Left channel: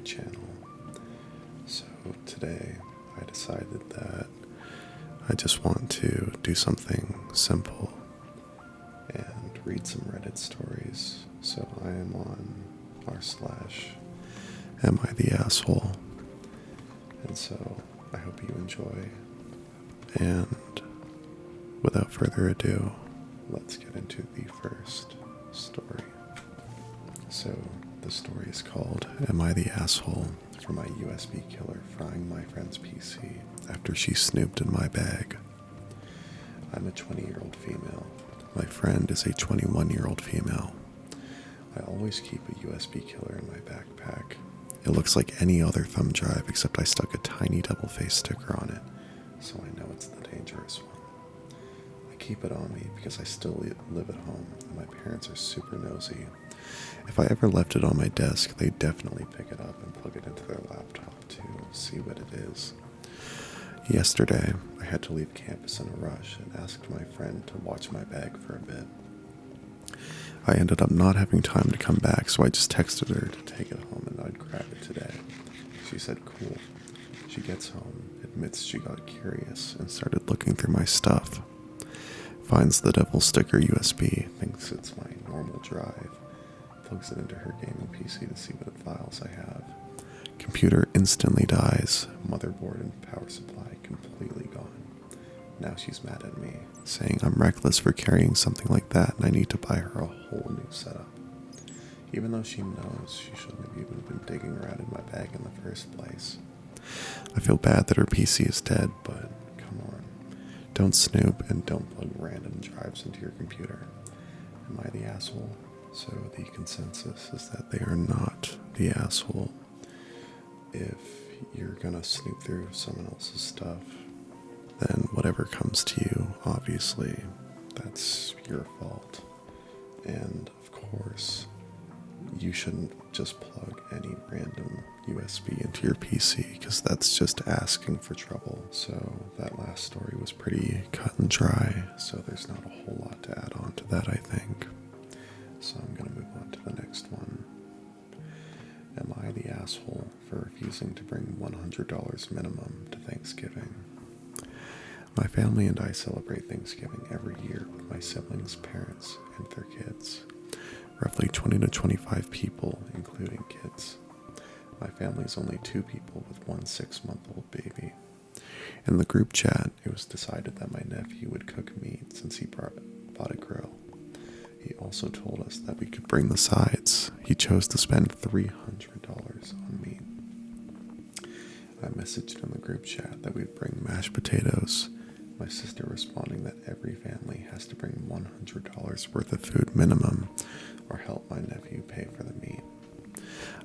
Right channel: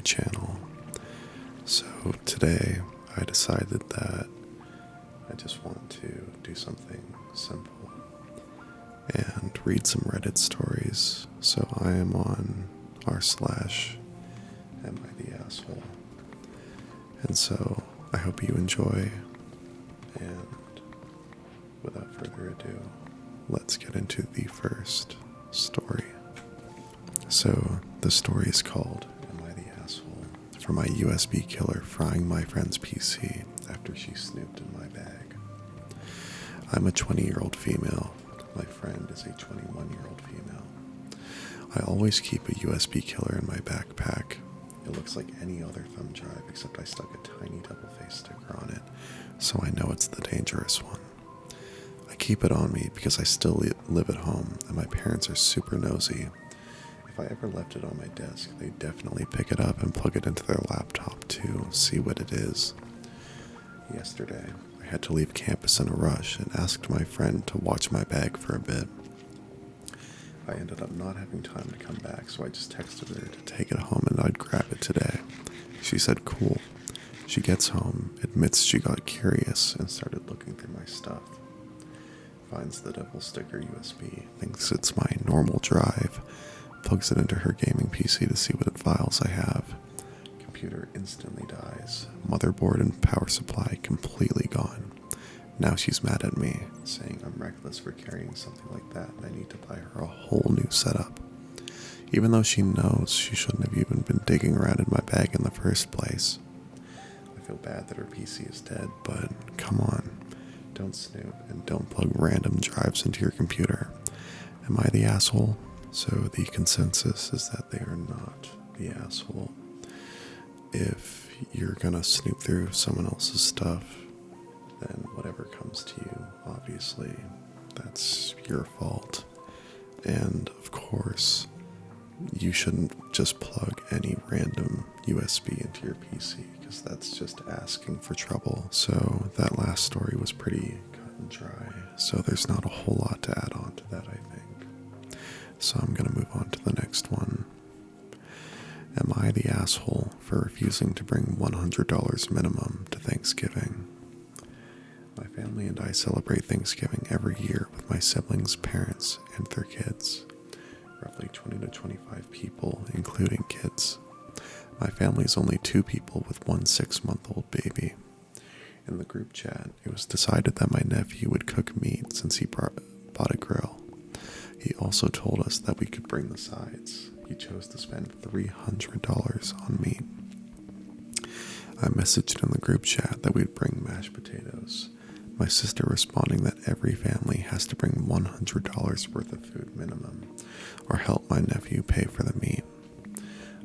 my channel. So today I decided that I just want to do something simple and read some Reddit stories. So I am on r/am I the asshole, and so I hope you enjoy, and without further ado, let's get into the first story. So the story is called Am I the Asshole? For my USB killer frying my friend's PC after she snooped in my bag. I'm a 20-year-old female. My friend is a 21-year-old female. I always keep a USB killer in my backpack. It looks like any other thumb drive except I stuck a tiny double-faced sticker on it, so I know it's the dangerous one. I keep it on me because I still live at home and my parents are super nosy. If I ever left it on my desk, they'd definitely pick it up and plug it into their laptop to see what it is. Yesterday, I had to leave campus in a rush and asked my friend to watch my bag for a bit. I ended up not having time to come back, so I just texted her to take it home and I'd grab it today. She said cool. She gets home, admits she got curious, and started looking through my stuff. Finds the devil sticker USB, thinks it's my normal drive, plugs it into her gaming PC to see what files I have. Computer instantly dies, motherboard and power supply completely gone. Now she's mad at me, saying I'm reckless for carrying something like that and I need to buy her a whole new setup. Even though she knows she shouldn't have even been digging around in my bag in the first place. I feel bad that her PC is dead, but come on. Don't snoop and don't plug random drives into your computer. Am I the asshole? So the consensus is that they are not the asshole. If you're gonna snoop through someone else's stuff, then whatever comes to you, obviously, that's your fault. And of course, you shouldn't just plug any random USB into your PC because that's just asking for trouble. So that last story was pretty cut and dry, so there's not a whole lot to add on to that, I think. So I'm going to move on to the next one. Am I the asshole for refusing to bring $100 minimum to Thanksgiving? My family and I celebrate Thanksgiving every year with my siblings' parents and their kids. Roughly 20 to 25 people, including kids. My family is only 2 people with one 6-month-old baby. In the group chat, it was decided that my nephew would cook meat since he bought a grill. He also told us that we could bring the sides. He chose to spend $300 on meat. I messaged in the group chat that we'd bring mashed potatoes, my sister responding that every family has to bring $100 worth of food minimum or help my nephew pay for the meat.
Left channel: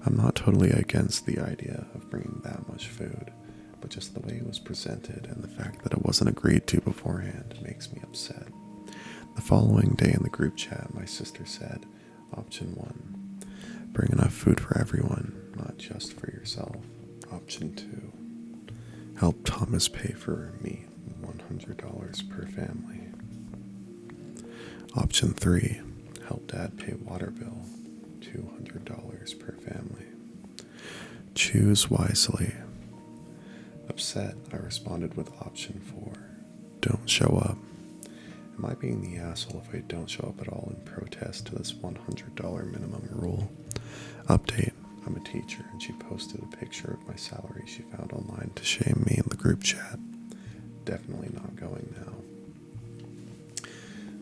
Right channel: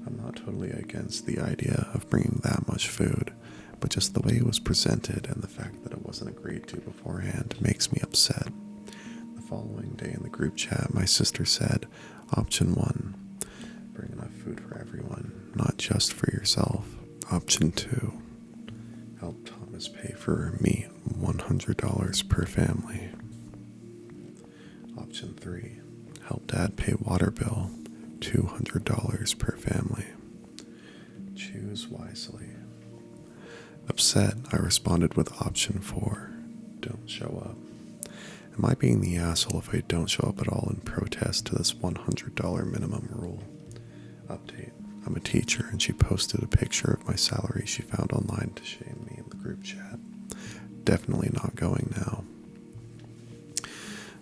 I'm not totally against the idea of bringing that much food, but just the way it was presented and the fact that it wasn't agreed to beforehand makes me upset. The following day in the group chat, my sister said, Option 1, bring enough food for everyone, not just for yourself. Option 2, help Thomas pay for meat, $100 per family. Option 3, help Dad pay water bill, $200 per family. Choose wisely. Upset, I responded with option 4, don't show up. Am I being the asshole if I don't show up at all in protest to this $100 minimum rule? Update, I'm a teacher and she posted a picture of my salary she found online to shame me in the group chat. Definitely not going now.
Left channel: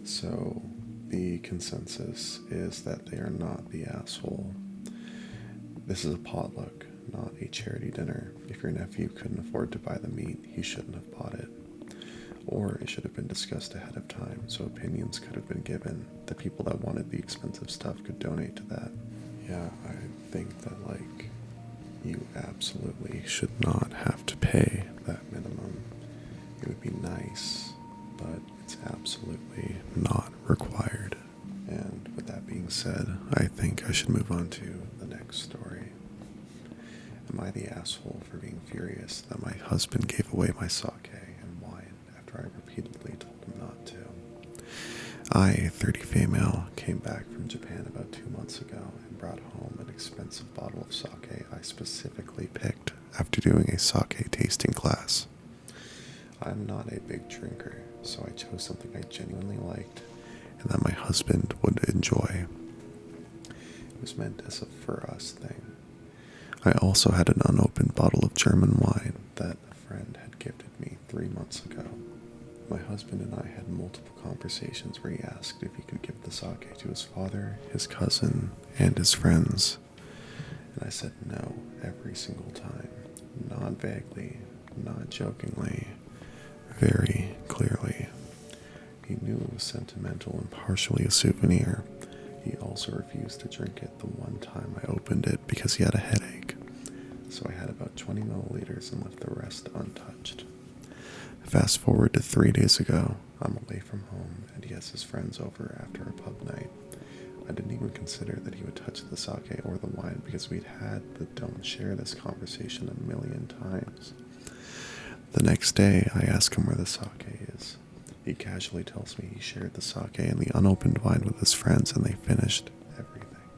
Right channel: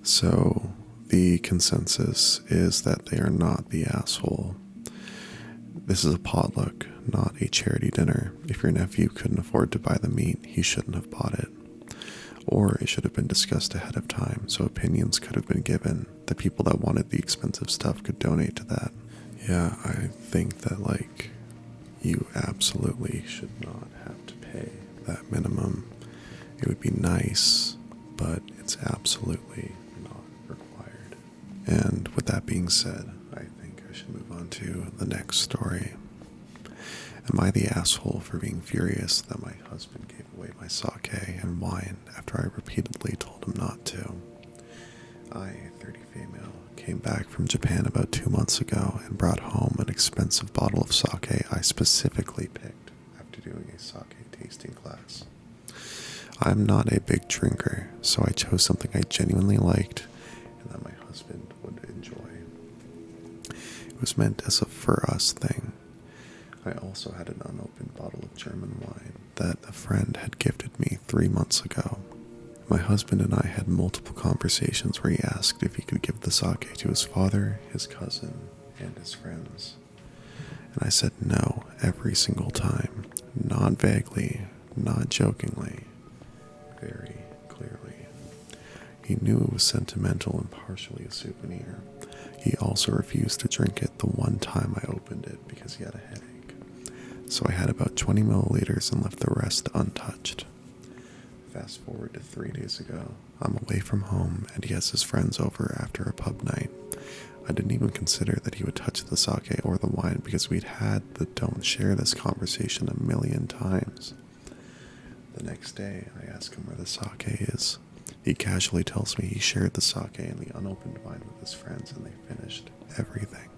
So, the consensus is that they are not the asshole. This is a potluck, not a charity dinner. If your nephew couldn't afford to buy the meat, he shouldn't have bought it. Or it should have been discussed ahead of time, so opinions could have been given. The people that wanted the expensive stuff could donate to that. Yeah, I think that, you absolutely should not have to pay that minimum. It would be nice, but it's absolutely not required. And with that being said, I think I should move on to the next story. Am I the asshole for being furious that my husband gave away my sake and wine after I repeatedly told him not to? I, 30 female, came back from Japan about 2 months ago and brought home an expensive bottle of sake I specifically picked after doing a sake tasting class. I'm not a big drinker, so I chose something I genuinely liked and that my husband would enjoy. It was meant as a for us thing. I also had an unopened bottle of German wine that a friend had gifted me 3 months ago. My husband and I had multiple conversations where he asked if he could give the sake to his father, his cousin, and his friends. And I said no every single time, not vaguely, not jokingly, very clearly. He knew it was sentimental and partially a souvenir. He also refused to drink it the one time I opened it because he had a headache. So I had about 20 milliliters and left the rest untouched. Fast forward to 3 days ago, I'm away from home and he has his friends over after a pub night. I didn't even consider that he would touch the sake or the wine because we'd had the don't share this conversation a million times. The next day, I ask him where the sake is. He casually tells me he shared the sake and the unopened wine with his friends and they finished everything.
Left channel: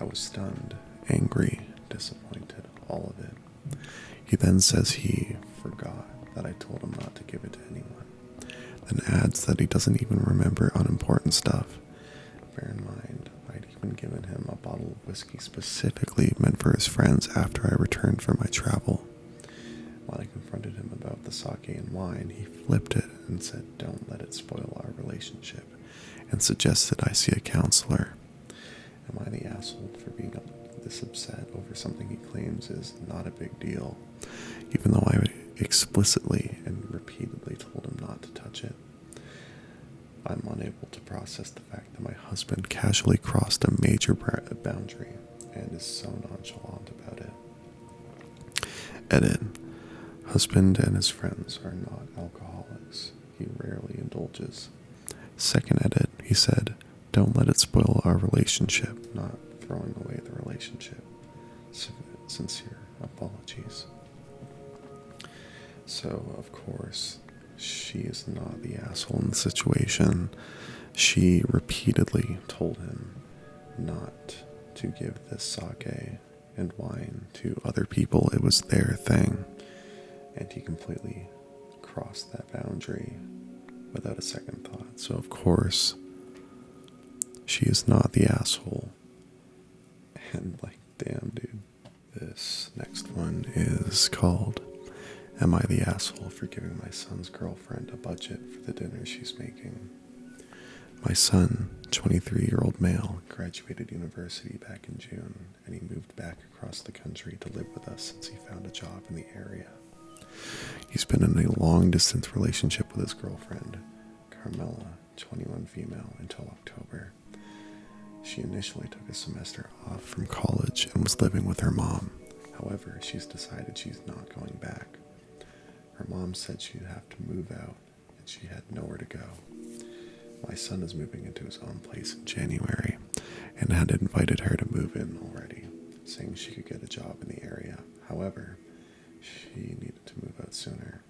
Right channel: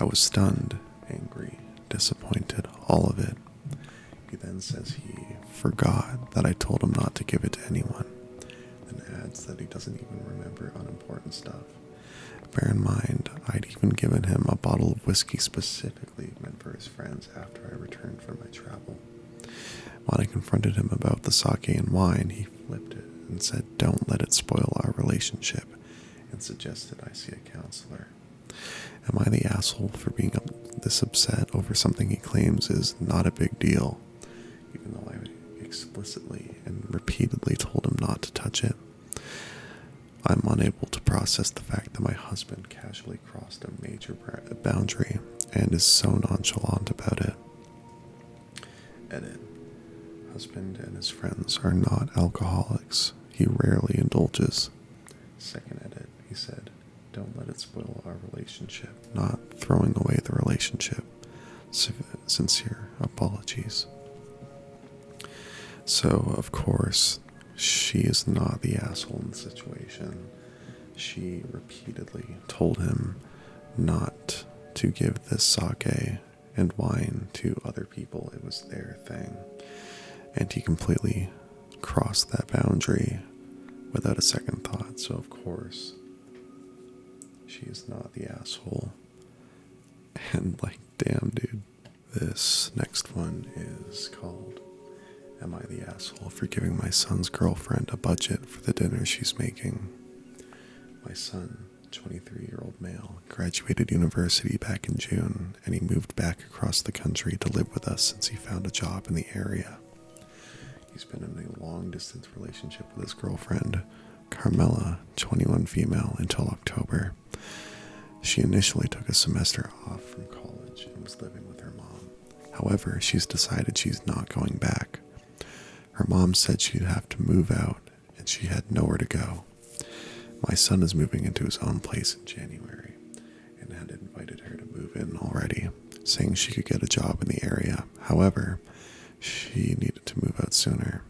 I was stunned, angry, disappointed, all of it. He then says he forgot that I told him not to give it to anyone, then adds that he doesn't even remember unimportant stuff. Bear in mind, I'd even given him a bottle of whiskey specifically meant for his friends after I returned from my travel. When I confronted him about the sake and wine, he flipped it and said, "Don't let it spoil our relationship," and suggested I see a counselor. Am I the asshole for being this upset over something he claims is not a big deal, even though I explicitly and repeatedly told him not to touch it? I'm unable to process the fact that my husband casually crossed a major boundary and is so nonchalant about it. Edit. Husband and his friends are not alcoholics. He rarely indulges. Second edit, he said, "Don't let it spoil our relationship," not throwing away the relationship. Sincere apologies. So, of course, she is not the asshole in the situation. She repeatedly told him not to give this sake and wine to other people. It was their thing. And he completely crossed that boundary without a second thought. So, of course, she is not the asshole. And, damn, dude. This next one is called, "Am I the asshole for giving my son's girlfriend a budget for the dinner she's making?" My son, 23-year-old male, graduated university back in June, and he moved back across the country to live with us since he found a job in the area. He's been in a long-distance relationship with his girlfriend, Carmela, 21 female, until October. She initially took a semester off from college and was living with her mom. However, she's decided she's not going back. Her mom said she'd have to move out, and she had nowhere to go. My son is moving into his own place in January, and had invited her to move in already, saying she could get a job in the area. However, she needed to move out sooner.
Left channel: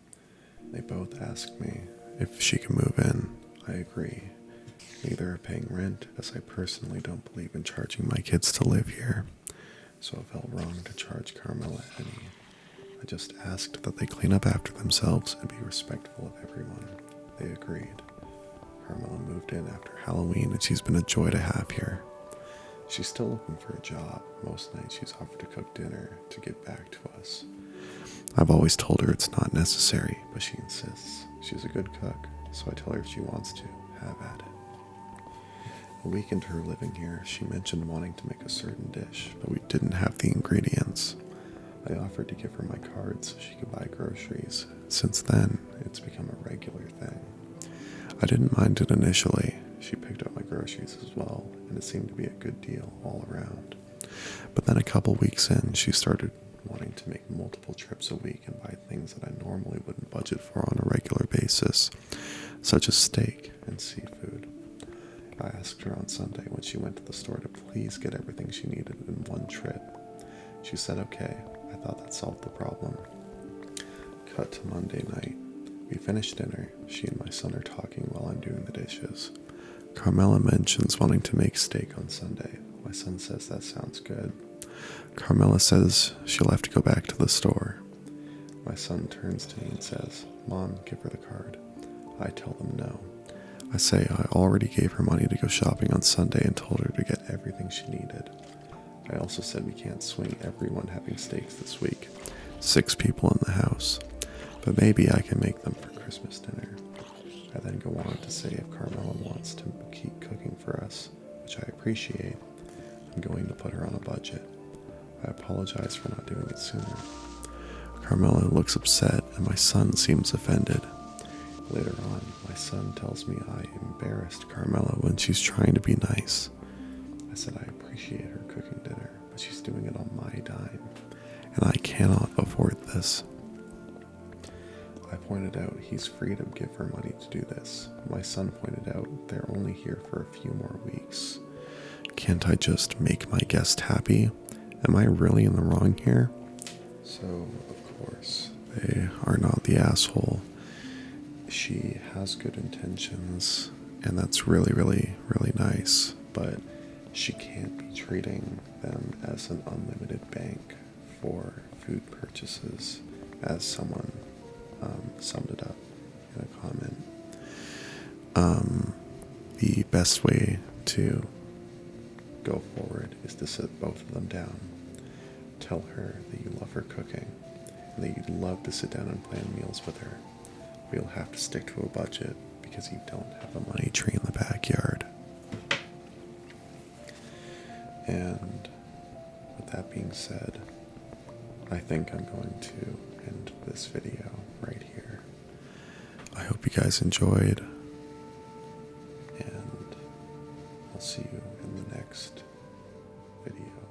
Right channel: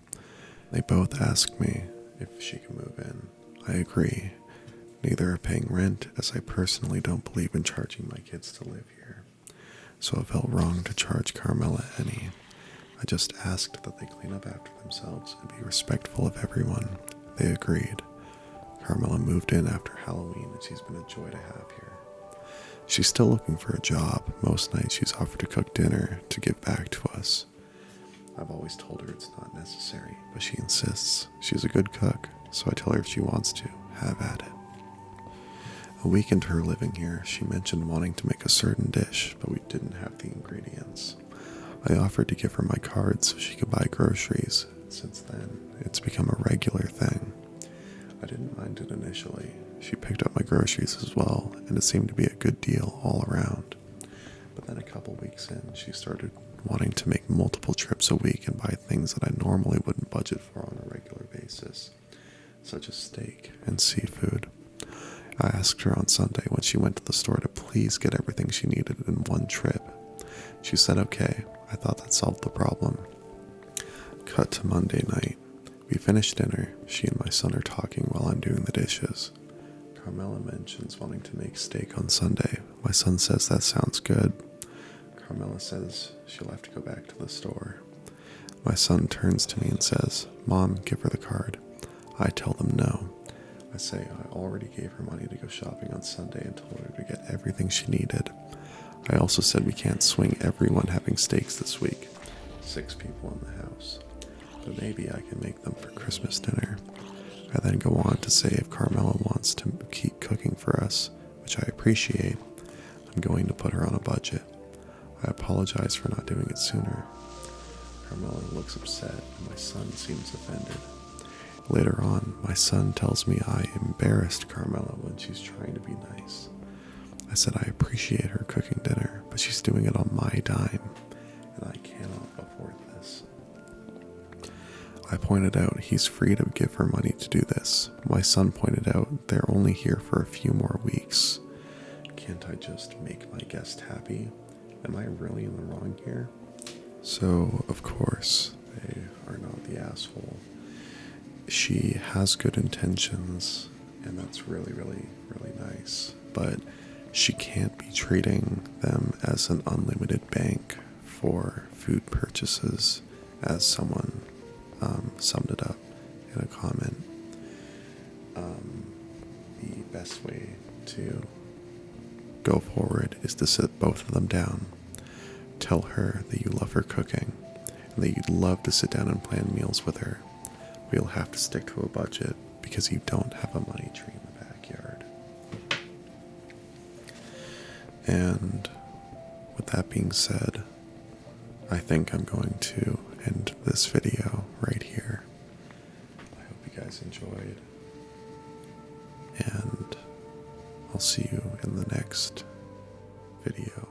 They both asked me if she can move in. I agree. Neither are paying rent, as I personally don't believe in charging my kids to live here, so it felt wrong to charge Carmela any. I just asked that they clean up after themselves and be respectful of everyone. They agreed. Carmela moved in after Halloween, and she's been a joy to have here. She's still looking for a job. Most nights she's offered to cook dinner to give back to us. I've always told her it's not necessary, but she insists. She's a good cook, so I tell her if she wants to, have at it. A week into her living here, she mentioned wanting to make a certain dish, but we didn't have the ingredients. I offered to give her my card so she could buy groceries. Since then, it's become a regular thing. I didn't mind it initially. She picked up my groceries as well, and it seemed to be a good deal all around. But then a couple weeks in, she started wanting to make multiple trips a week and buy things that I normally wouldn't budget for on a regular basis, such as steak and seafood. I asked her on Sunday when she went to the store to please get everything she needed in one trip. She said okay. I thought that solved the problem. Cut to Monday night. We finish dinner. She and my son are talking while I'm doing the dishes. Carmela mentions wanting to make steak on Sunday. My son says that sounds good. Carmela says she'll have to go back to the store. My son turns to me and says, "Mom, give her the card." I tell them no. I say I already gave her money to go shopping on Sunday and told her to get everything she needed. I also said we can't swing everyone having steaks this week. 6 people in the house. But maybe I can make them for Christmas dinner. I then go on to say if Carmela wants to keep cooking for us, which I appreciate, I'm going to put her on a budget. I apologize for not doing it sooner. Carmela looks upset and my son seems offended. Later on, my son tells me I embarrassed Carmela when she's trying to be nice. I said I appreciate her cooking dinner, but she's doing it on my dime, and I cannot afford this. I pointed out he's free to give her money to do this. My son pointed out they're only here for a few more weeks. Can't I just make my guest happy? Am I really in the wrong here? So, of course, they are not the asshole. She has good intentions, and that's really, really, really nice, but she can't be treating them as an unlimited bank for food purchases, as someone summed it up in a comment. The best way to go forward is to sit both of them down. Tell her that you love her cooking and that you'd love to sit down and plan meals with her. But you'll have to stick to a budget because you don't have a money tree in the backyard. And with that being said, I think I'm going to end this video right here. I hope you guys enjoyed, and I'll see you in the next video.